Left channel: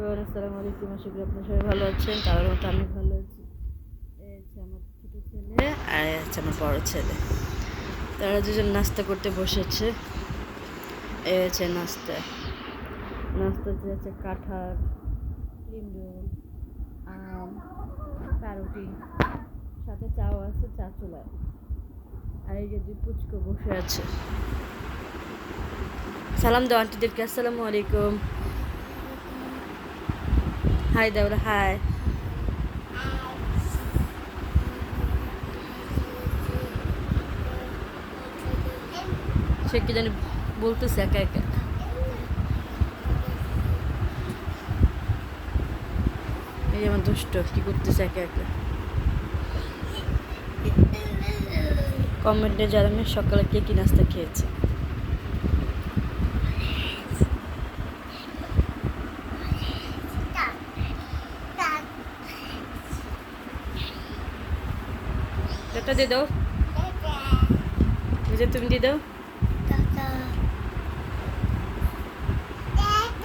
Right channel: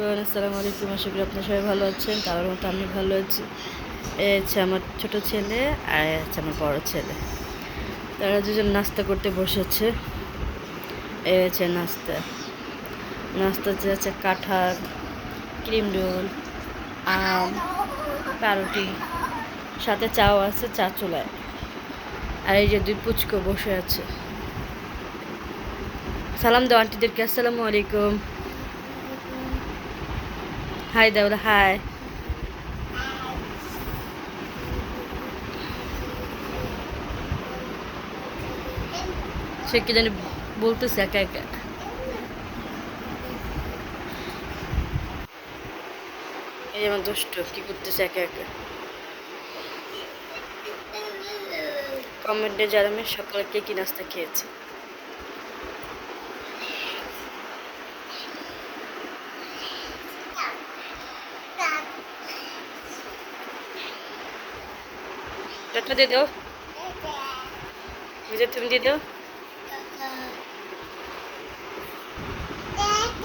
Everyone, আসসালামু আলাইকুম। আশা করি আপনারা সবাই ভালো আছেন। তার মতো আমি ভালো আছি। এই হচ্ছে আমার ছোট ছেলে আর হচ্ছে আমার বড় ছেলে। তারা দুজন নাস্তা করতে বসেছে। এই হচ্ছে নাস্তা হচ্ছে কাঁঠাল, ক্রিম রোল, আম, পাউরুটি, সাথে চাও আছে, চা চুলায়। আর এই যে দুই পুচকো বসে আছে। সালাম দাও আন্টিদেরকে। আসসালামু আলাইকুম। হাই দাও, হাই। সে কি জানি বলতেছে একা একা। এই আমার দুষ্ট কি করতেছে একা একা। কমেন্টে জানাবেন সকালে কে কি নাস্তা খেয়েছে। টাটা দিয়ে দাও, তুমি দিয়ে দাও।